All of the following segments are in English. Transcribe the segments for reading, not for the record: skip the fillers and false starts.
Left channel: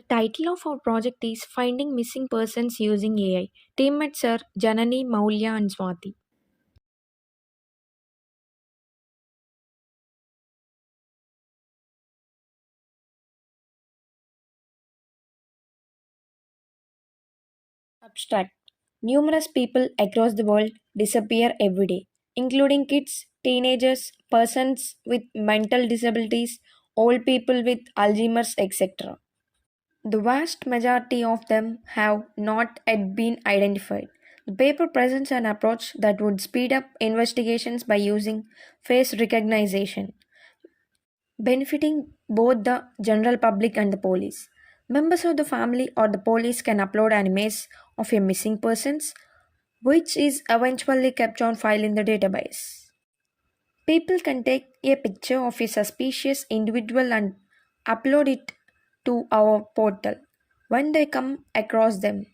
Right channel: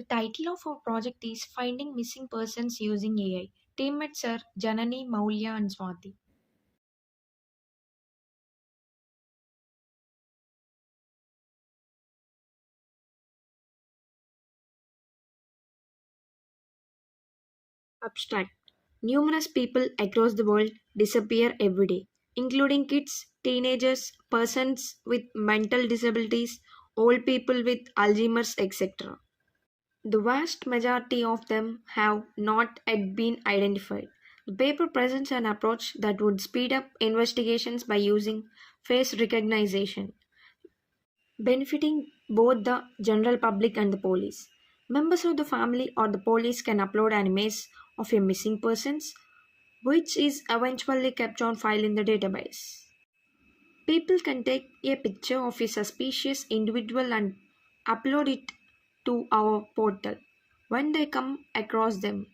The title of our project is Finding Missing Persons Using AI. Teammates are Janani, Maulya, and Swati. Abstract. Numerous people across the world disappear every day, including kids, teenagers, persons with mental disabilities, old people with Alzheimer's, etc. The vast majority of them have not yet been identified. The paper presents an approach that would speed up investigations by using face recognition, benefiting both the general public and the police. Members of the family or the police can upload an image of a missing persons, which is eventually kept on file in the database. People can take a picture of a suspicious individual and upload it to our portal when they come across them.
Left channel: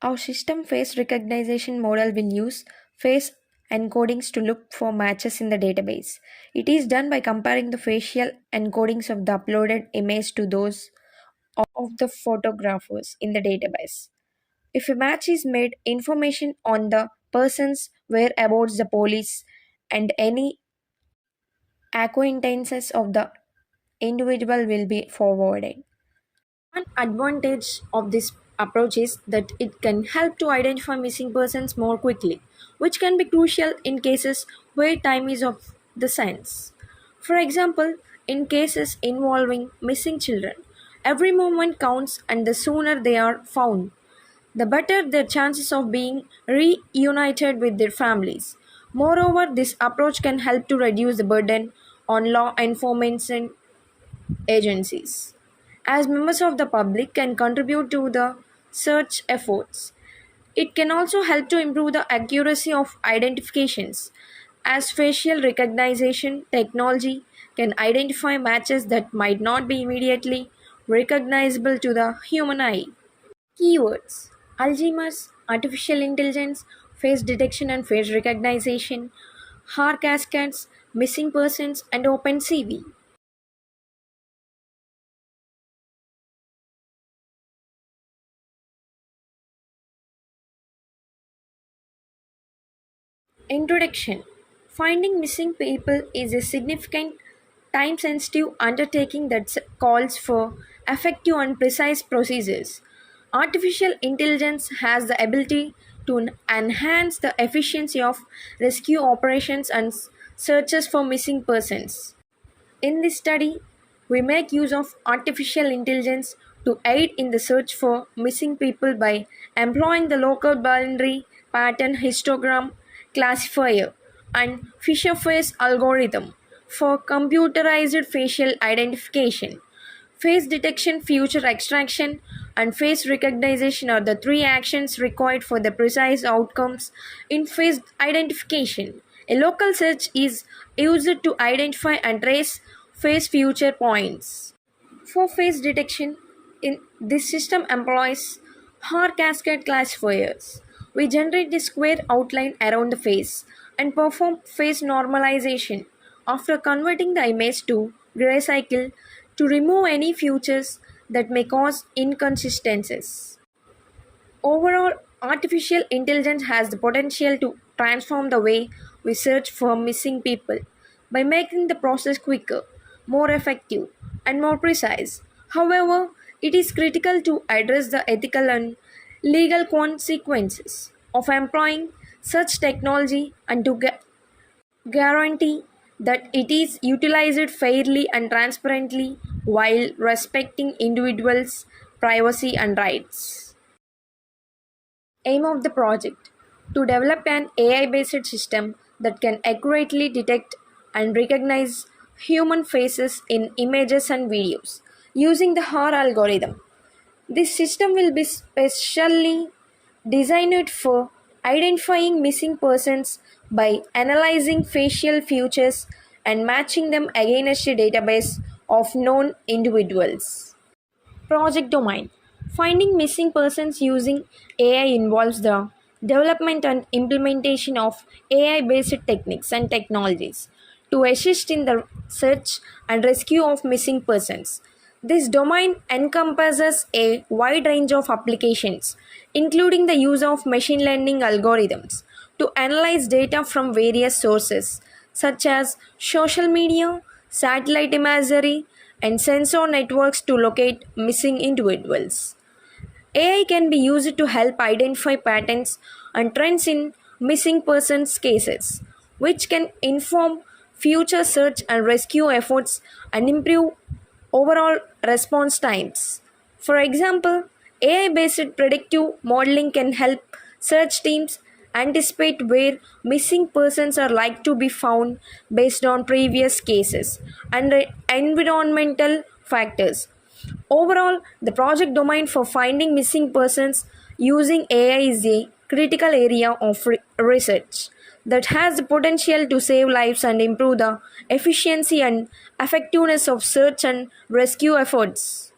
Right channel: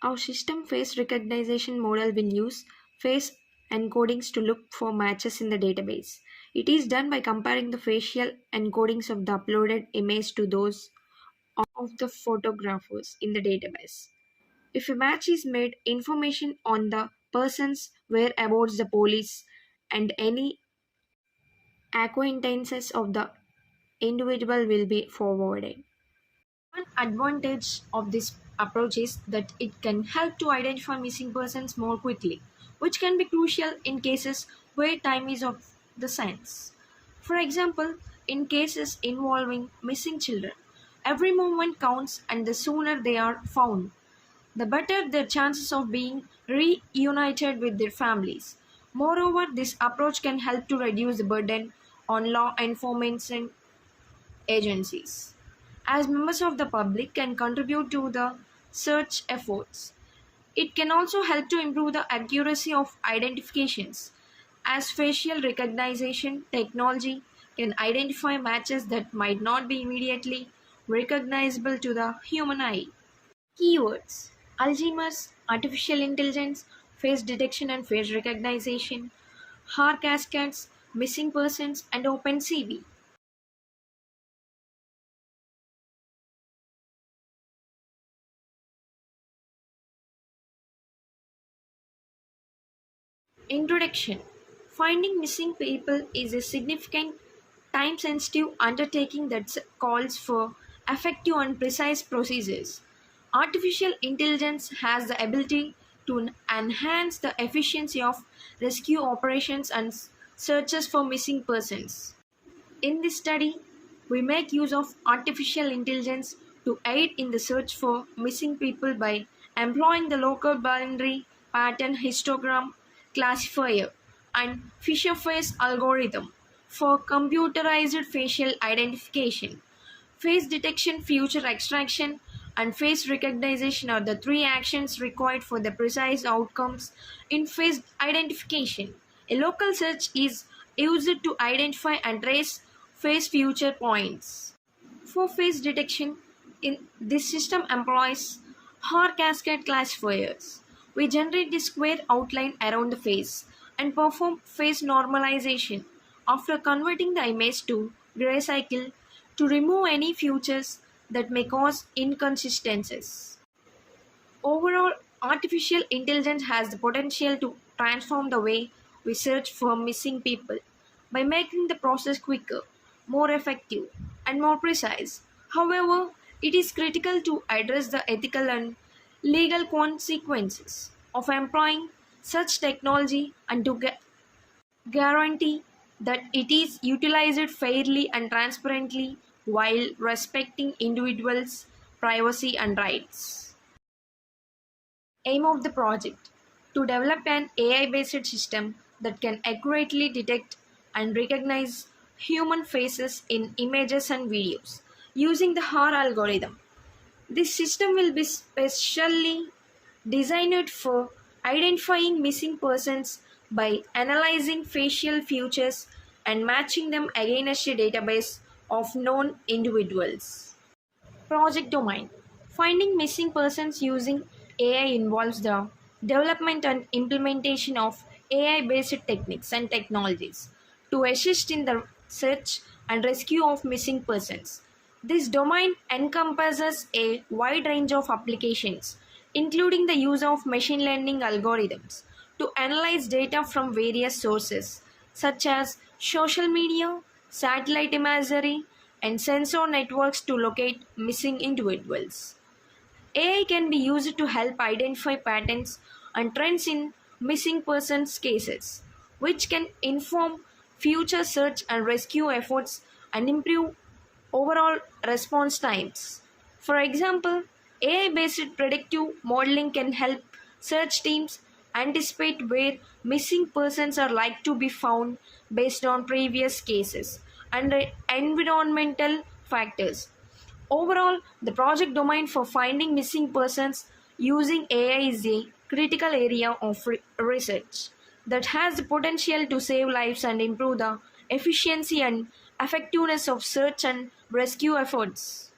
Our system face recognition model will use face encodings to look for matches in the database. It is done by comparing the facial encodings of the uploaded image to those of the photographers in the database. If a match is made, information on the person's whereabouts, the police, and any acquaintances of the individual will be forwarded. One advantage of this approach is that it can help to identify missing persons more quickly, which can be crucial in cases where time is of the essence. For example, in cases involving missing children, every moment counts and the sooner they are found, the better their chances of being reunited with their families. Moreover, this approach can help to reduce the burden on law enforcement agencies, as members of the public can contribute to the search efforts. It can also help to improve the accuracy of identifications, as facial recognition technology can identify matches that might not be immediately recognizable to the human eye. Keywords: Alzheimer's, artificial intelligence, face detection and face recognition, HAR cascades, missing persons, and OpenCV. Introduction. Finding missing people is a significant, time sensitive undertaking that calls for effective and precise procedures. Artificial intelligence has the ability to enhance the efficiency of rescue operations and searches for missing persons. In this study, we make use of artificial intelligence to aid in the search for missing people by employing the local binary pattern histogram classifier and Fisher face algorithm for computerized facial identification. Face detection, feature extraction, and face recognition are the three actions required for the precise outcomes in face identification. A local search is used to identify and trace face future points. For face detection, in this system employs HAR cascade classifiers. We generate the square outline around the face and perform face normalization after converting the image to grayscale to remove any features that may cause inconsistencies. Overall, artificial intelligence has the potential to transform the way we search for missing people by making the process quicker, more effective, and more precise. However, it is critical to address the ethical and legal consequences of employing such technology and to guarantee that it is utilized fairly and transparently while respecting individuals' privacy and rights. Aim of the project: to develop an AI based system that can accurately detect and recognize human faces in images and videos using the HAR algorithm. This system will be specially designed for identifying missing persons by analyzing facial features and matching them against a database of known individuals. Project domain: finding missing persons using AI involves the development and implementation of AI based techniques and technologies to assist in the search and rescue of missing persons. This domain encompasses a wide range of applications, including the use of machine learning algorithms to analyze data from various sources, such as social media, satellite imagery, and sensor networks to locate missing individuals. AI can be used to help identify patterns and trends in missing persons cases, which can inform future search and rescue efforts and improve overall response times. For example, AI based predictive modeling can help search teams anticipate where missing persons are likely to be found based on previous cases and environmental factors. Overall, the project domain for finding missing persons using AI is a critical area of research that has the potential to save lives and improve the efficiency and effectiveness of search and rescue efforts.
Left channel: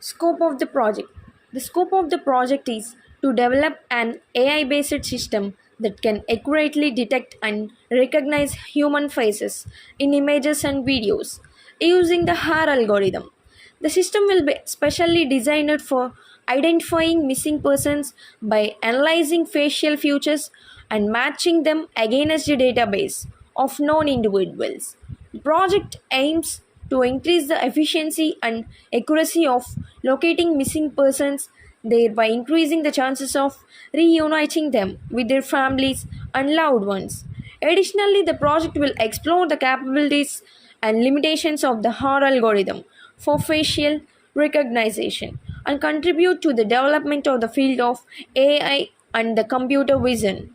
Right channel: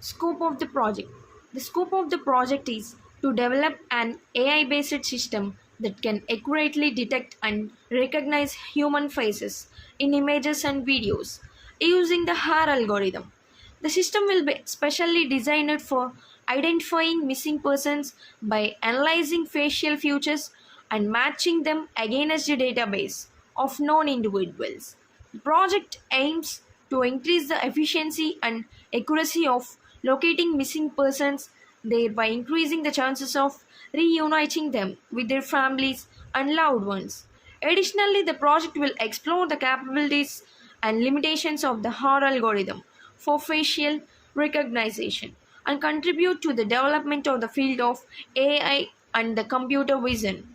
Scope of the project. The scope of the project is to develop an AI based system that can accurately detect and recognize human faces in images and videos using the HAR algorithm. The system will be specially designed for identifying missing persons by analyzing facial features and matching them against a database of known individuals. The project aims to increase the efficiency and accuracy of locating missing persons, thereby increasing the chances of reuniting them with their families and loved ones. Additionally, the project will explore the capabilities and limitations of the HAR algorithm for facial recognition and contribute to the development of the field of AI and the computer vision.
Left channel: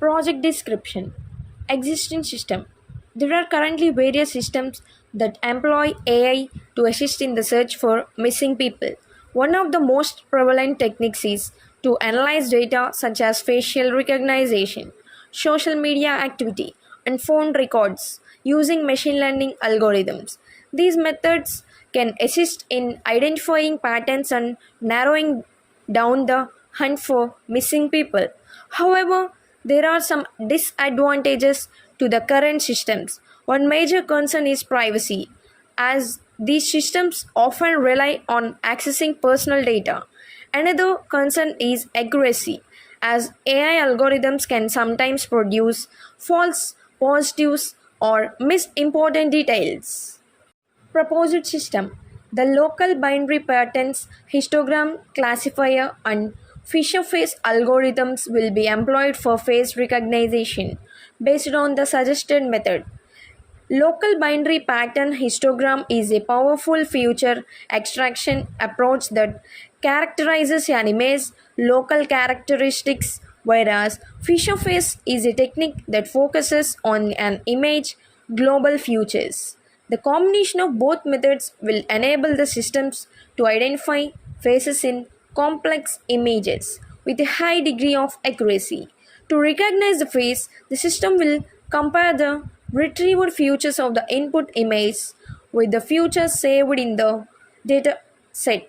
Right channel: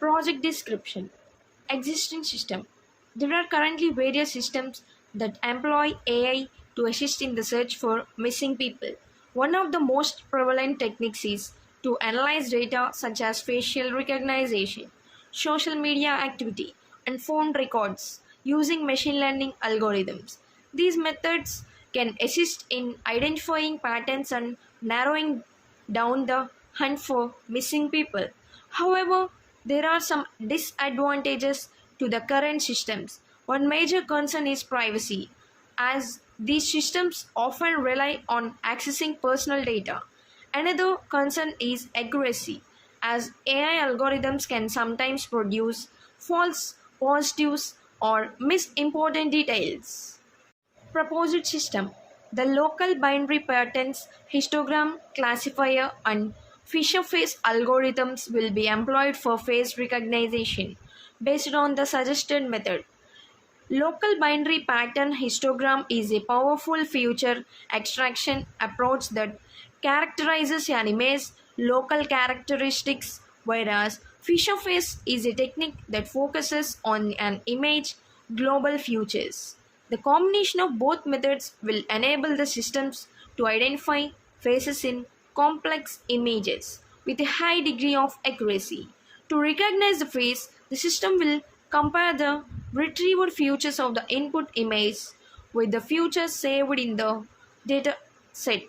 Project description. Existing system. There are currently various systems that employ AI to assist in the search for missing people. One of the most prevalent techniques is to analyze data such as facial recognition, social media activity, and phone records using machine learning algorithms. These methods can assist in identifying patterns and narrowing down the hunt for missing people. However, there are some disadvantages to the current systems. One major concern is privacy, as these systems often rely on accessing personal data. Another concern is accuracy, as AI algorithms can sometimes produce false positives or miss important details. Proposed system. The local binary patterns, histogram classifier, and Fisher face algorithms will be employed for face recognition based on the suggested method. Local binary pattern histogram is a powerful feature extraction approach that characterizes an image's local characteristics, whereas Fisher face is a technique that focuses on an image global features. The combination of both methods will enable the systems to identify faces in complex images with a high degree of accuracy. To recognize the face, the system will compare the retrieved features of the input image with the features saved in the data set.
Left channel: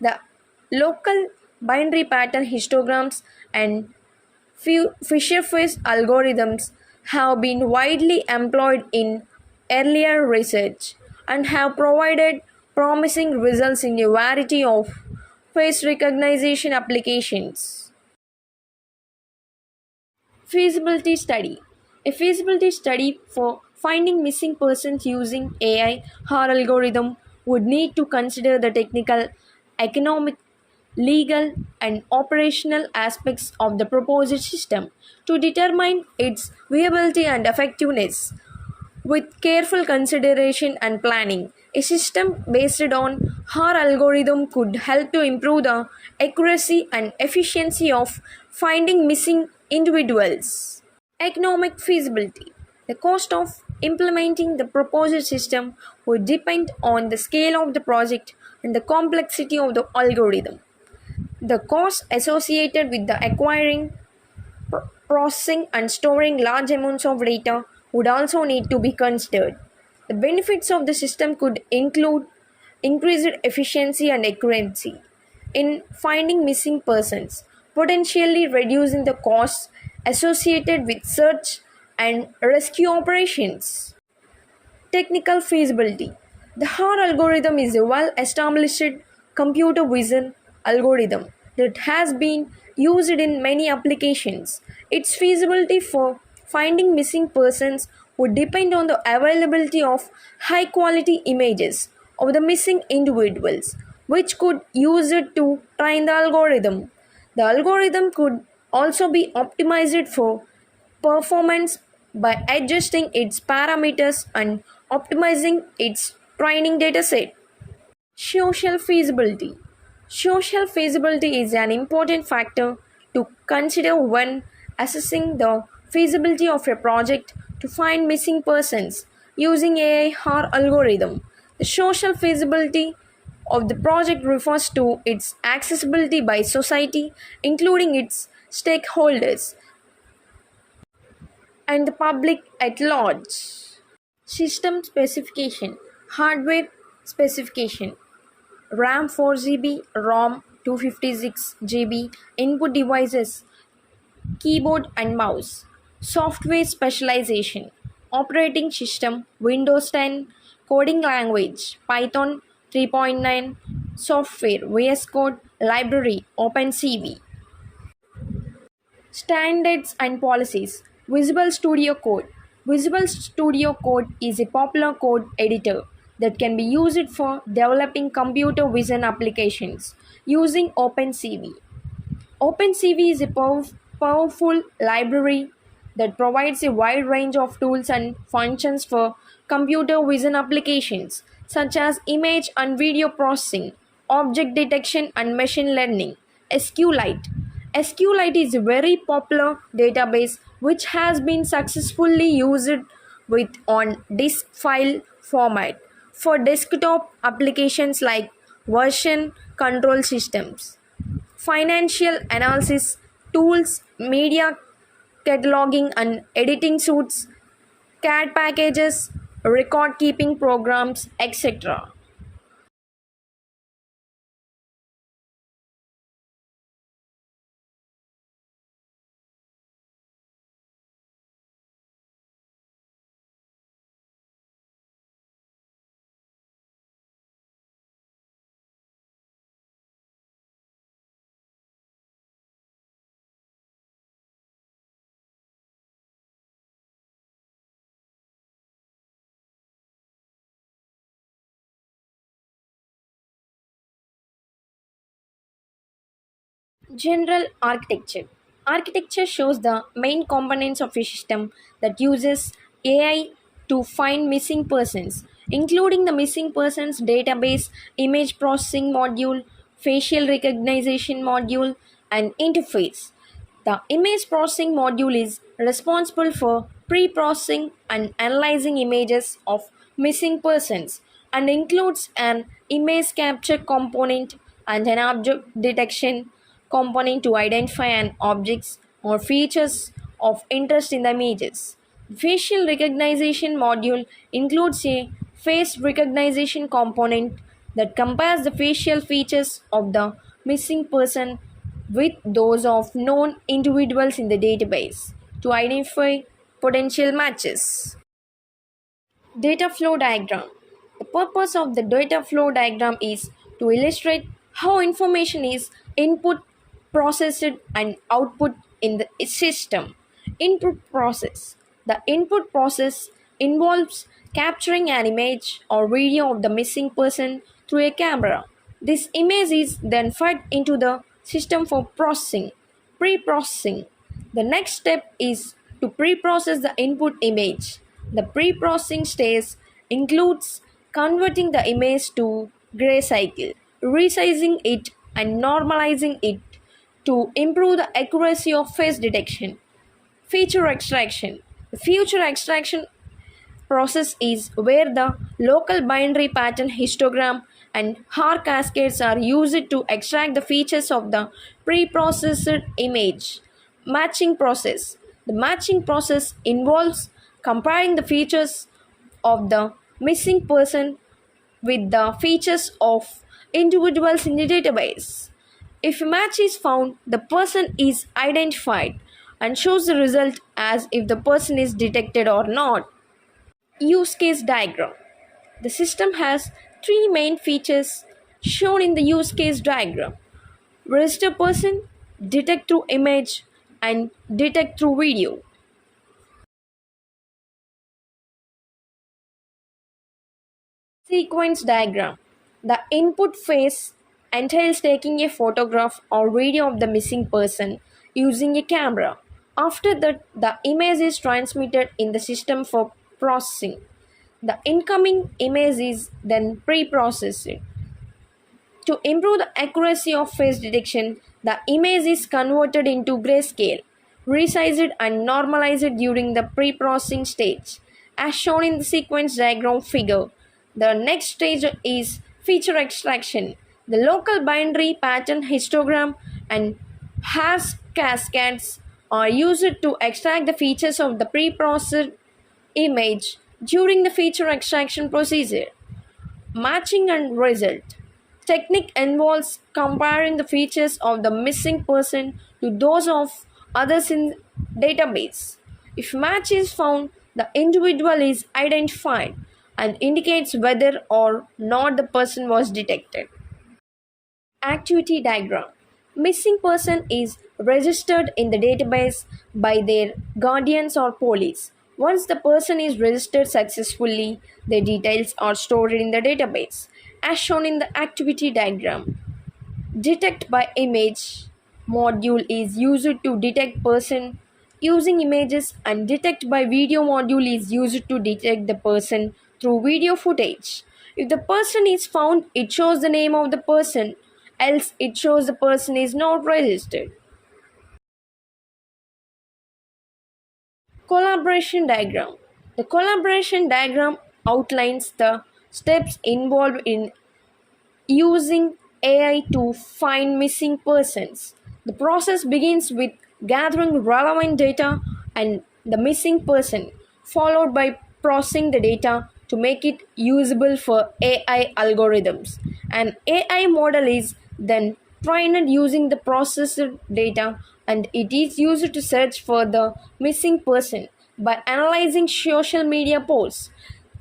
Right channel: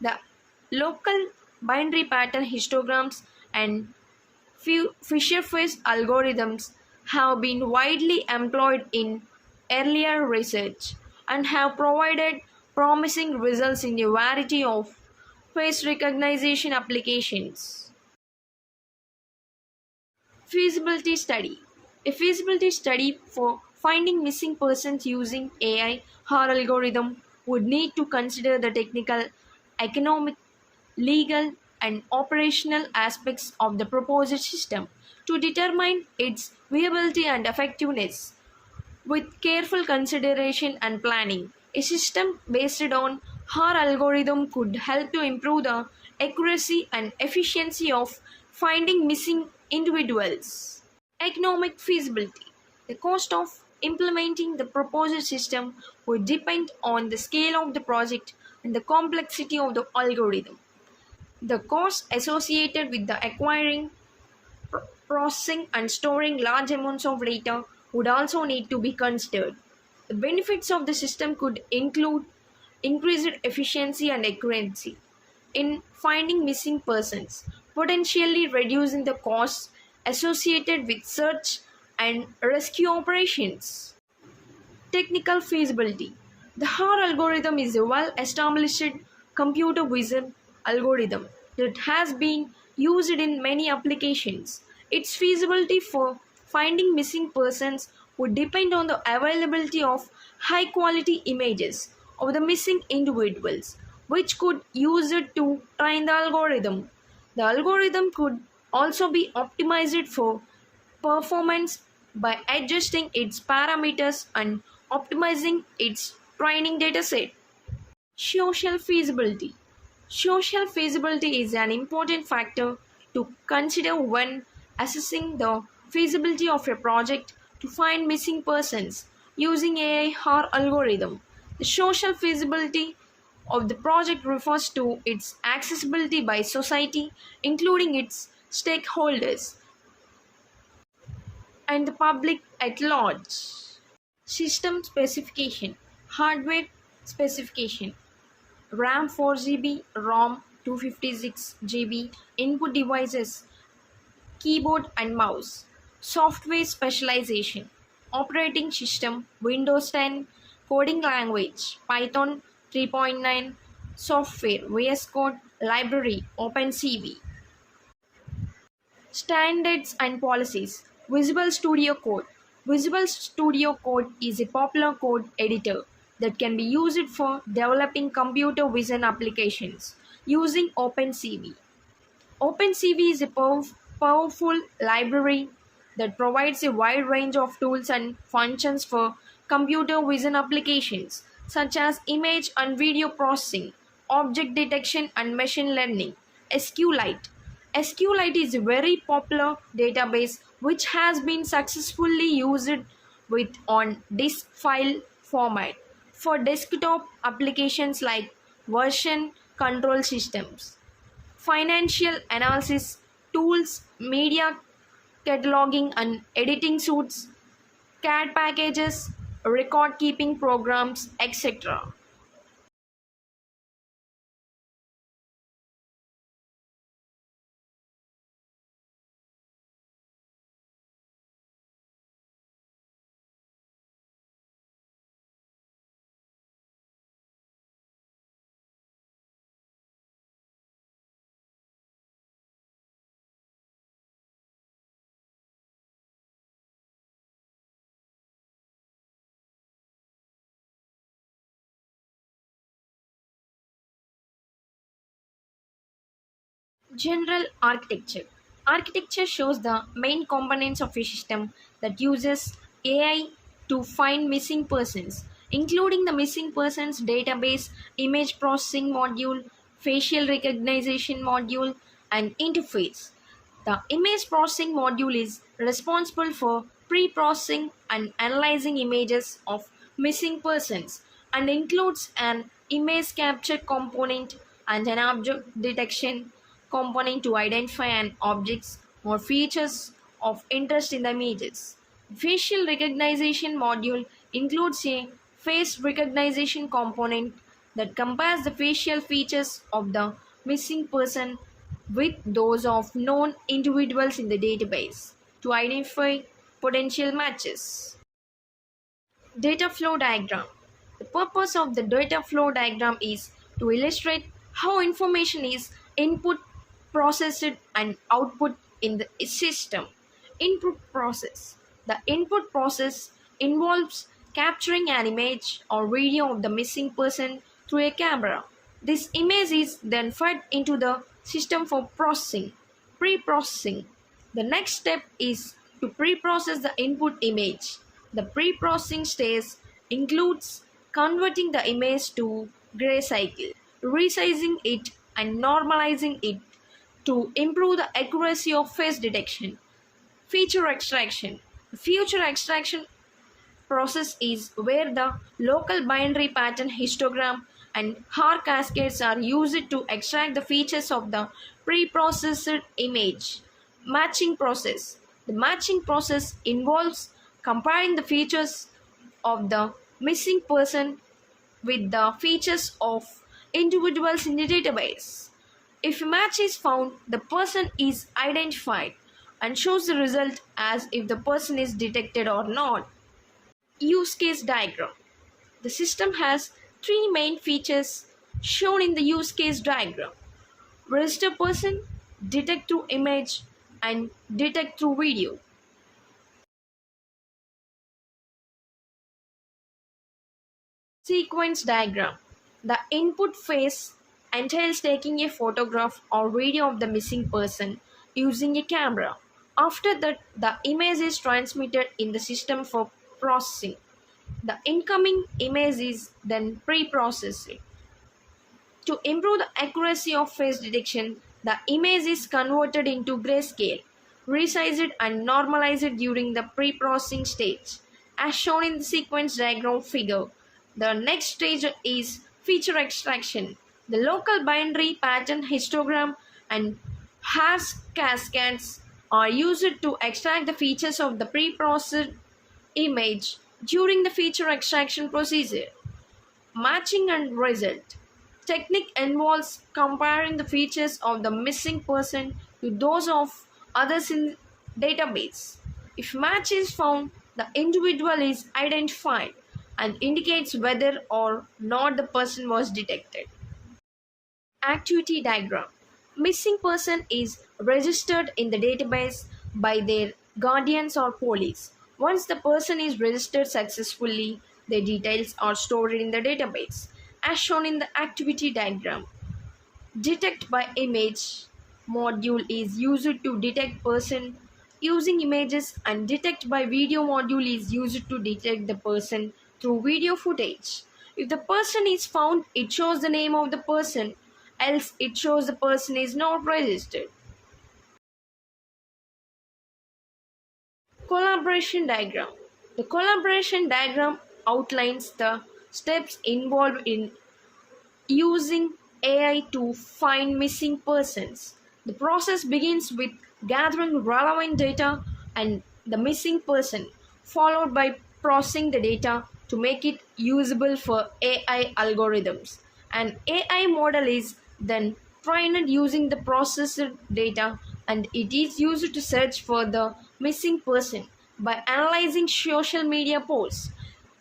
The local binary pattern histograms and Fisher face algorithms have been widely employed in earlier research and have provided promising results in a variety of face recognition applications. Feasibility study. A feasibility study for finding missing persons using AI or algorithm would need to consider the technical, economic, legal, and operational aspects of the proposed system to determine its viability and effectiveness. With careful consideration and planning, a system based on HAR algorithm could help to improve the accuracy and efficiency of finding missing individuals. Economic feasibility. The cost of implementing the proposed system would depend on the scale of the project and the complexity of the algorithm. The costs associated with the acquiring, processing, and storing large amounts of data would also need to be considered. The benefits of the system could include increased efficiency and accuracy in finding missing persons, potentially reducing the costs associated with search and rescue operations. Technical feasibility. The HAR algorithm is a well established computer vision algorithm that has been used in many applications. Its feasibility for finding missing persons would depend on the availability of high quality images of the missing individuals, which could use it to train the algorithm. The algorithm could also be optimized for performance by adjusting its parameters and optimizing its training dataset. Social feasibility. Social feasibility is an important factor to consider when assessing the feasibility of a project to find missing persons using AI or algorithm. The social feasibility of the project refers to its accessibility by society, including its stakeholders and the public at large. System specification. Hardware specification. RAM 4 GB, ROM 256 GB, input devices, keyboard and mouse. Software specialization. Operating system Windows 10, coding language Python 3.9, software VS Code, library OpenCV. Standards and policies. Visual Studio Code. Visual Studio Code is a popular code editor that can be used for developing computer vision applications using OpenCV. OpenCV is a powerful library that provides a wide range of tools and functions for computer vision applications such as image and video processing, object detection, and machine learning. SQLite. SQLite is a very popular database which has been successfully used with on disk file format for desktop applications like version control systems. Financial analysis tools, media cataloging and editing suites, CAD packages, record keeping programs, etc. General architecture. Architecture shows the main components of a system that uses AI to find missing persons, including the missing persons database, image processing module, facial recognition module, and interface. The image processing module is responsible for pre processing and analyzing images of missing persons and includes an image capture component and an object detection component to identify an objects or features of interest in the images. Facial recognition module includes a face recognition component that compares the facial features of the missing person with those of known individuals in the database to identify potential matches. Data flow diagram. The purpose of the data flow diagram is to illustrate how information is input, processed, and output in the system. Input process. The input process involves capturing an image or video of the missing person through a camera. This image is then fed into the system for processing. Pre-processing. The next step is to pre-process the input image. The pre-processing stage includes converting the image to grayscale, resizing it and normalizing it to improve the accuracy of face detection. Feature extraction. The feature extraction process is where the local binary pattern histogram and HAR cascades are used to extract the features of the pre-processed image. Matching process. The matching process involves comparing the features of the missing person with the features of individuals in the database. If a match is found, the person is identified. and shows the result as if the person is detected or not. Use case diagram. The system has three main features shown in the use case diagram: register person, detect through image, and detect through video. Sequence diagram. The input phase entails taking a photograph or video of the missing person using a camera. After that, the image is transmitted in the system for processing. The incoming image is then pre-processed. To improve the accuracy of face detection, the image is converted into grayscale, resized and normalized during the pre-processing stage. As shown in the sequence diagram figure, the next stage is feature extraction. The local binary pattern histogram and hash cascades are used to extract the features of the pre-processed image during the feature extraction procedure. Matching and result. Technique involves comparing the features of the missing person to those of others in database. If match is found, the individual is identified and indicates whether or not the person was detected. Activity diagram. Missing person is registered in the database by their guardians or police. Once the person is registered successfully, their details are stored in the database. As shown in the activity diagram, detect by image module is used to detect person using images, and detect by video module is used to detect the person through video footage. If the person is found, it shows the name of the person, else it shows the person is not registered. Collaboration diagram. The collaboration diagram outlines the steps involved in using AI to find missing persons. The process begins with gathering relevant data and the missing person, followed by processing the data to make it usable for AI algorithms. An AI model is then trained using the processed data, and it is used to search for the missing person by analyzing social media posts,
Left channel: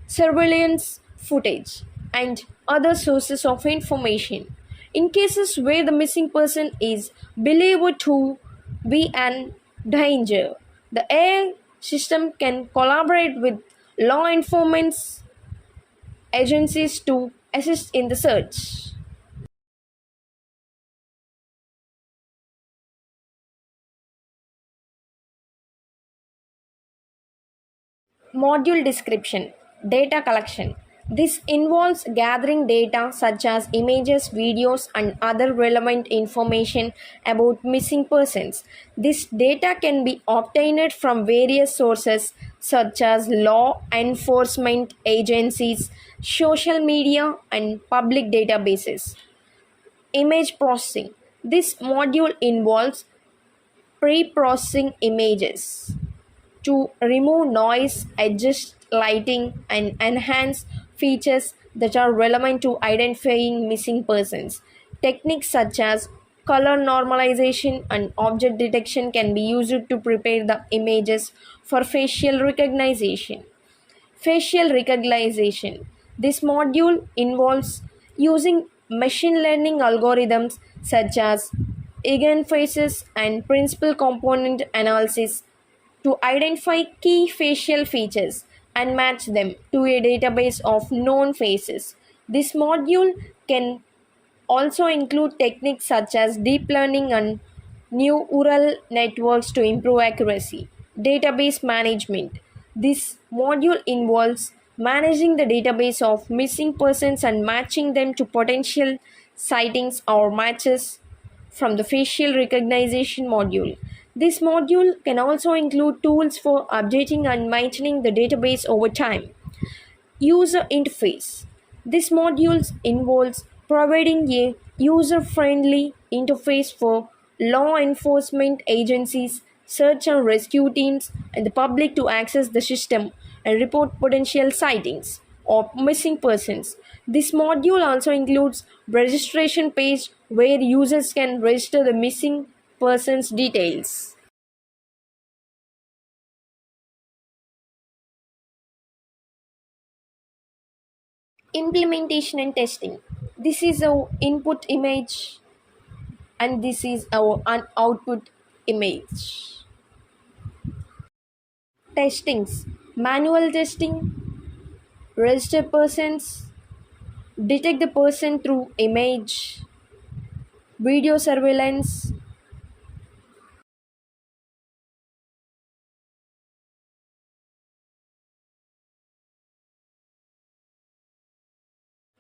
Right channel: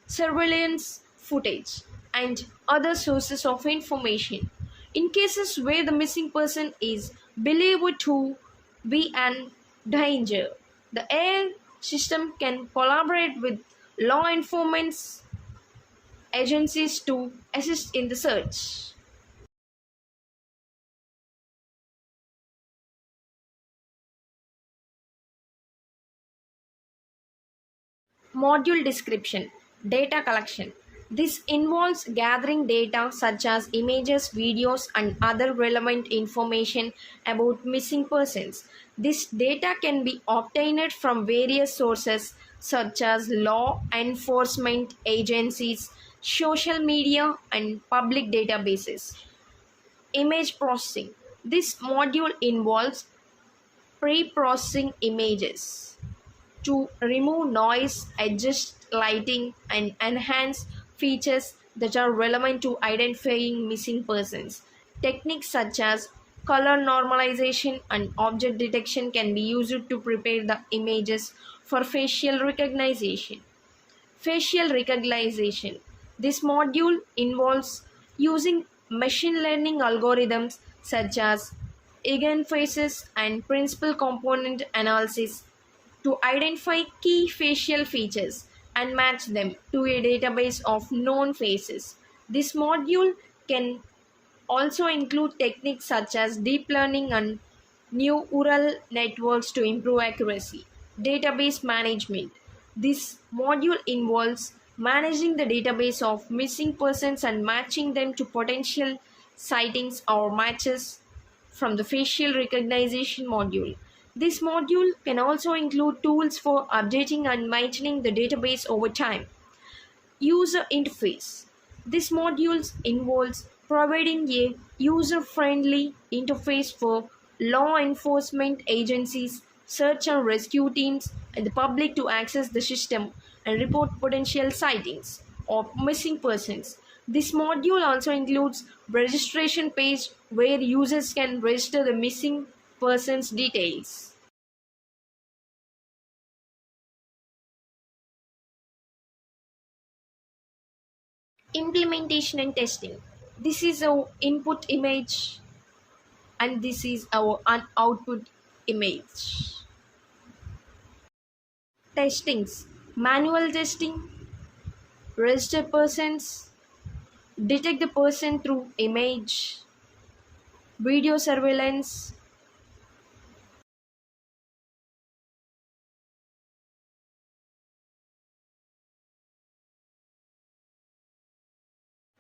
surveillance footage, and other sources of information. In cases where the missing person is believed to be an danger, the AI system can collaborate with law enforcement agencies to assist in the search. Module description. Data collection. This involves gathering data such as images, videos, and other relevant information about missing persons. This data can be obtained from various sources such as law enforcement agencies, social media, and public databases. Image processing. This module involves pre processing images to remove noise, adjust lighting, and enhance features that are relevant to identifying missing persons. Techniques such as color normalization and object detection can be used to prepare the images for facial recognition. Facial recognition. This module involves using machine learning algorithms such as eigen faces and principal component analysis to identify key facial features and match them to a database of known faces. This module can also include techniques such as deep learning and neural networks to improve accuracy. Database management. This module involves managing the database of missing persons and matching them to potential sightings or matches from the facial recognition module. This module can also include tools for updating and maintaining the database over time. User interface. This module involves providing a user-friendly interface for law enforcement agencies, search and rescue teams, and the public to access the system and report potential sightings of missing persons. This module also includes registration page where users can register the missing persons details. Implementation and testing. This is our input image and this is our output image. Testings. Manual testing, register persons, detect the person through image, video surveillance,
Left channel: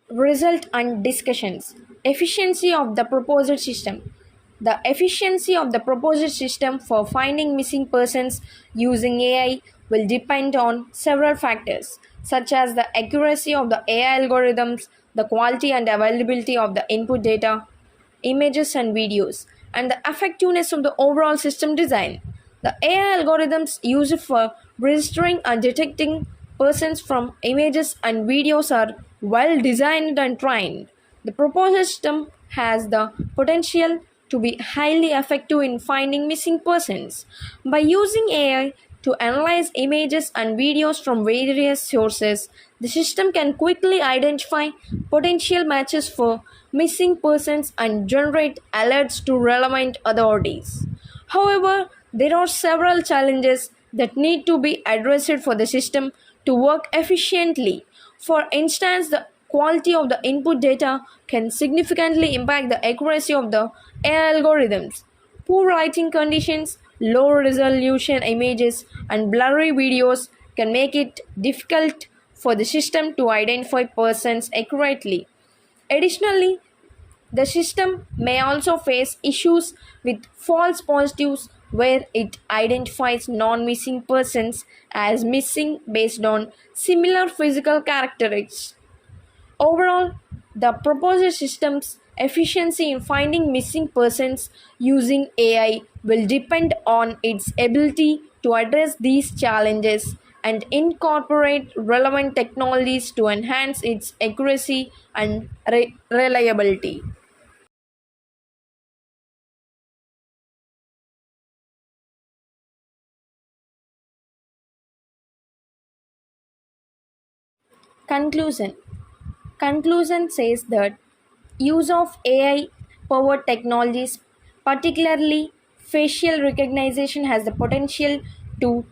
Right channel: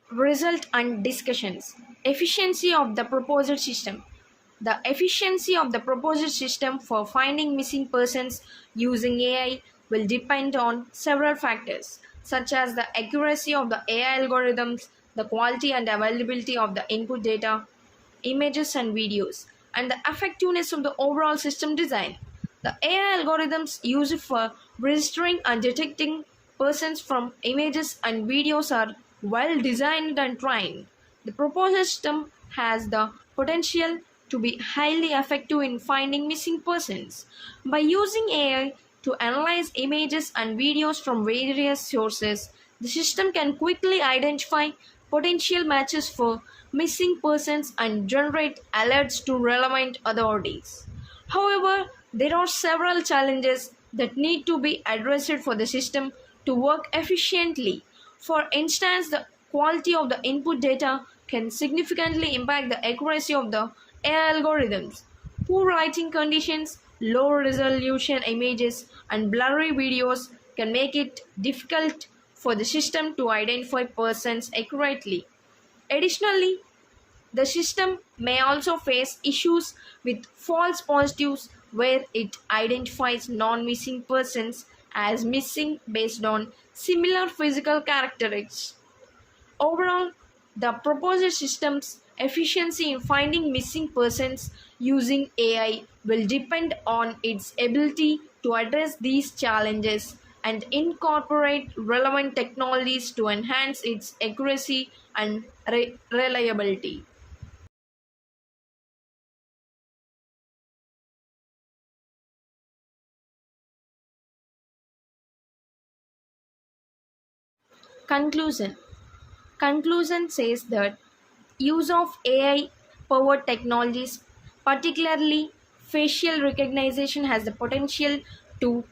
result and discussions. Efficiency of the proposed system. The efficiency of the proposed system for finding missing persons using AI will depend on several factors, such as the accuracy of the AI algorithms, the quality and availability of the input data, images and videos, and the effectiveness of the overall system design. The AI algorithms used for registering and detecting persons from images and videos are well designed and trained. The proposed system has the potential to be highly effective in finding missing persons. By using AI to analyze images and videos from various sources, the system can quickly identify potential matches for missing persons and generate alerts to relevant authorities. However, there are several challenges that need to be addressed for the system to work efficiently. For instance, the quality of the input data can significantly impact the accuracy of the AI algorithms. Poor lighting conditions, low resolution images, and blurry videos can make it difficult for the system to identify persons accurately. Additionally, the system may also face issues with false positives where it identifies non missing persons as missing based on similar physical characteristics. Overall, the proposed system's efficiency in finding missing persons using AI will depend on its ability to address these challenges and incorporate relevant technologies to enhance its accuracy and reliability. Conclusion. Conclusion says that use of AI powered technologies, particularly facial recognition, has the potential to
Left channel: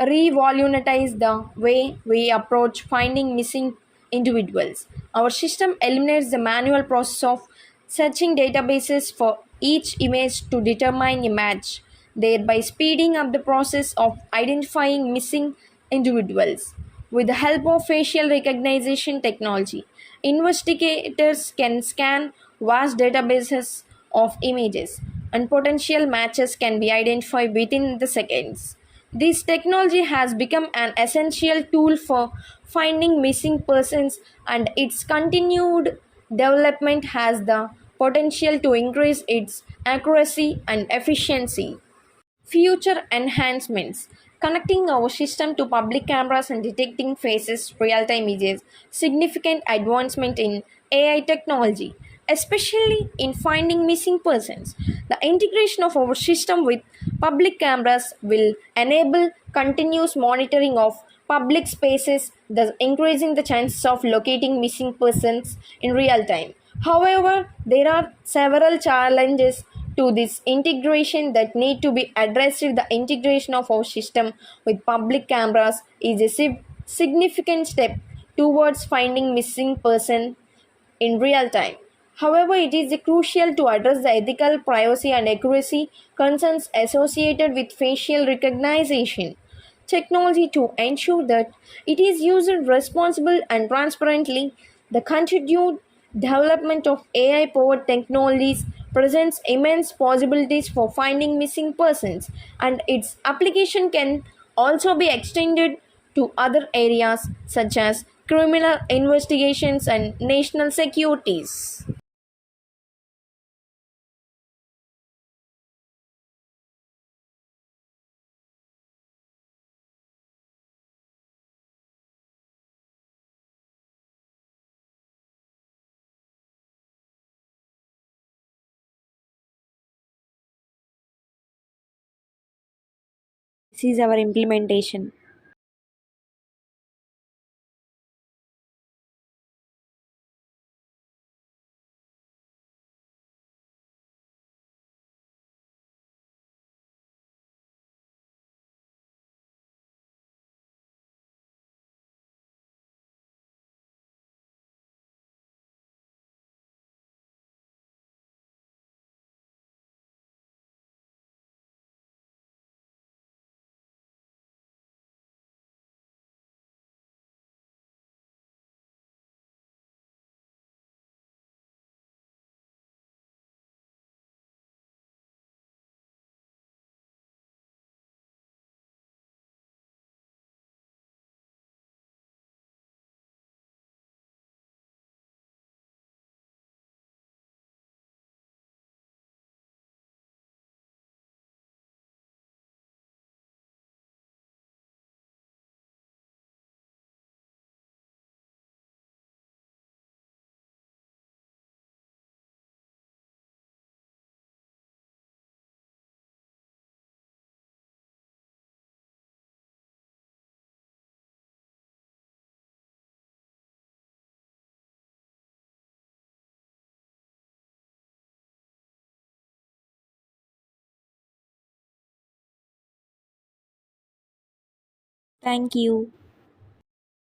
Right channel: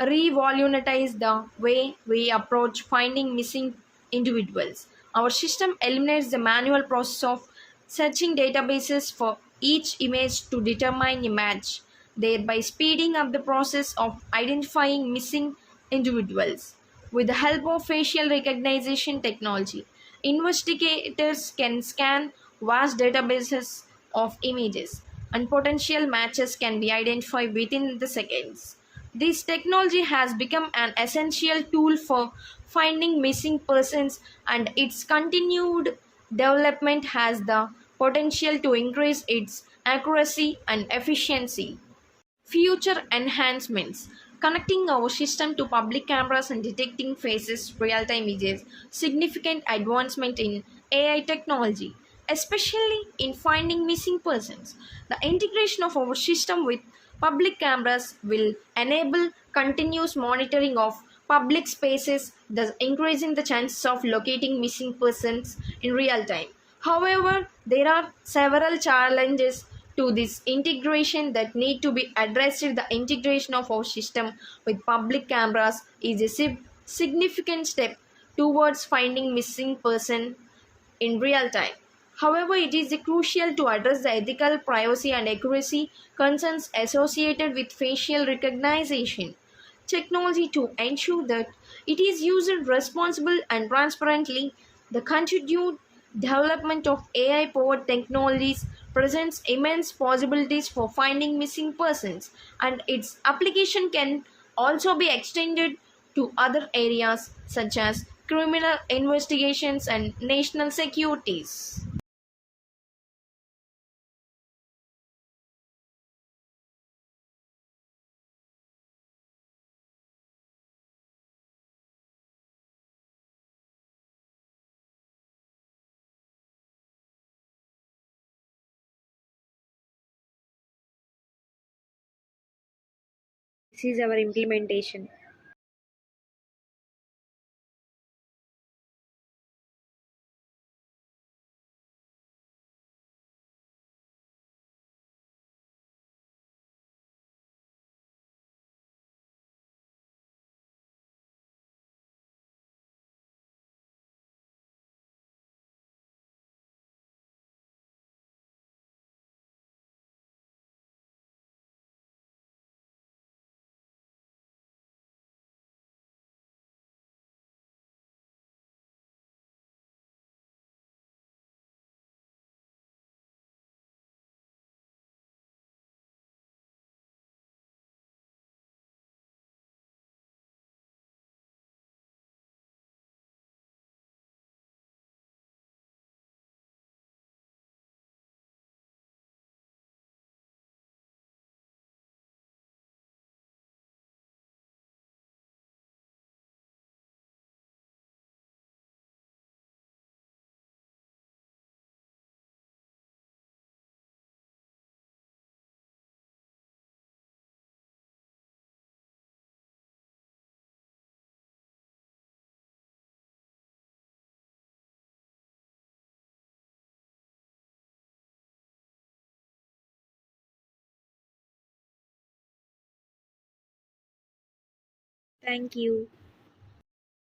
revolutionize the way we approach finding missing individuals. Our system eliminates the manual process of searching databases for each image to determine a match, thereby speeding up the process of identifying missing individuals. With the help of facial recognition technology, investigators can scan vast databases of images, and potential matches can be identified within the seconds. This technology has become an essential tool for finding missing persons, and its continued development has the potential to increase its accuracy and efficiency. Future enhancements. Connecting our system to public cameras and detecting faces real-time is a significant advancement in AI technology, especially in finding missing persons. The integration of our system with public cameras will enable continuous monitoring of public spaces, thus increasing the chances of locating missing persons in real time. However, there are several challenges to this integration that need to be addressed. The integration of our system with public cameras is a significant step towards finding missing person in real time. However, it is crucial to address the ethical, privacy, and accuracy concerns associated with facial recognition technology to ensure that it is used responsibly and transparently. The continued development of AI powered technologies presents immense possibilities for finding missing persons, and its application can also be extended to other areas such as criminal investigations and national securities. This is our implementation. Thank you.